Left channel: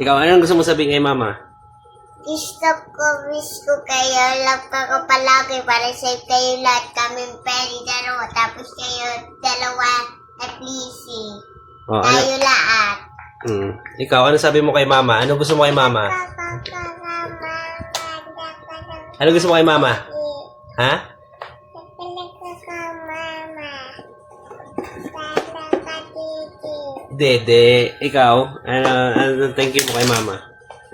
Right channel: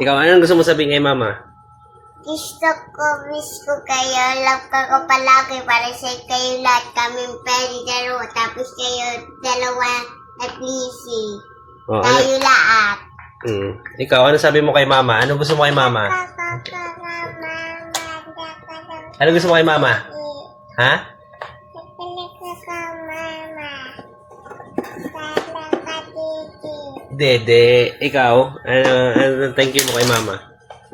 Ikaw, anong gusto mo sabihin kay mama? Wish ko kayo, love ko palagi para sa kayo lahat kaming pwede dalawa, tapos kayo dalawa at Lizzy. Oh, Tayo lahat. Ikaw, ano sabi mo kay mama? Ano gusto mo kay mama? Ano gusto mo kay mama? Ha? Dede, ikaw, ano thank you mo kay mama?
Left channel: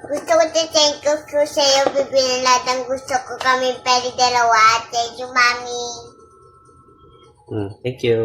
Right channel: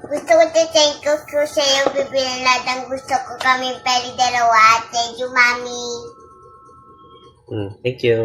Gusto ko thank you ko sa iyo, bibili lahat ng gusto ko kami pwede dalawa. Thank you, Mami. Thank you.